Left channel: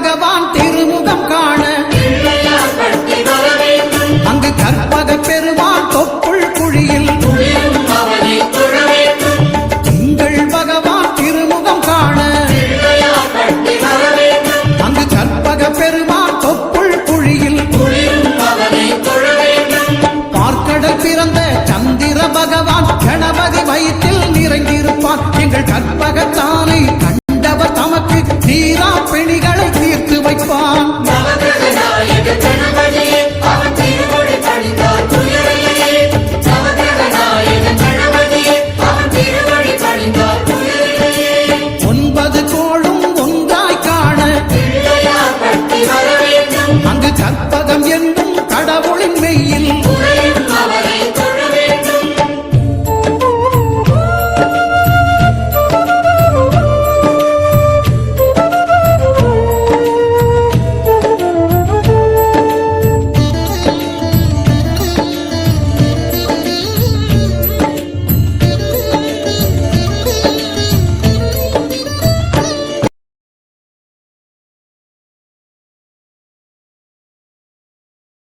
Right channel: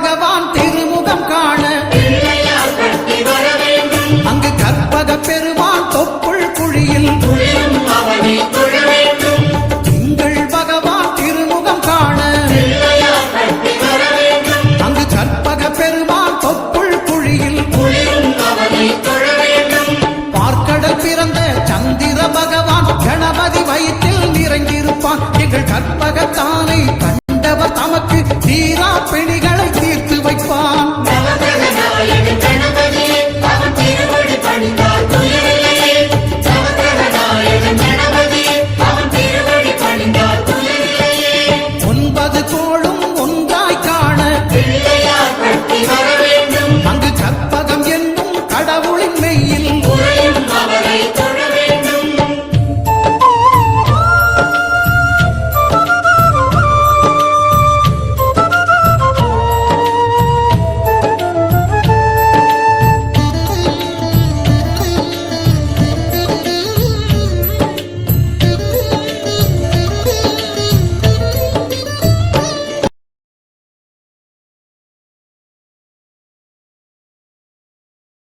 பகவான் திருமுகம் காண. அங்கு கற்பக பெருமான் தொப்புள் குழியில். திங்கள் பகவான் திருமுகம் காண. அங்கு கற்பக பெருமான் தொப்புள் குழியில். பார்க்கடல் பிறந்த சந்திர பகவான் கணபதி வயிற்றில் நிறைந்திருப்பான் எங்கள் கற்பகத்தானை கண்டவர் தமக்கு தீரா பிணிகளை தீர்த்து வைப்பான். ஒன்பது கோளும் ஒன்றாய் காண. அங்கு கற்பகம் என்னும் கடவுளின் மெய்யில்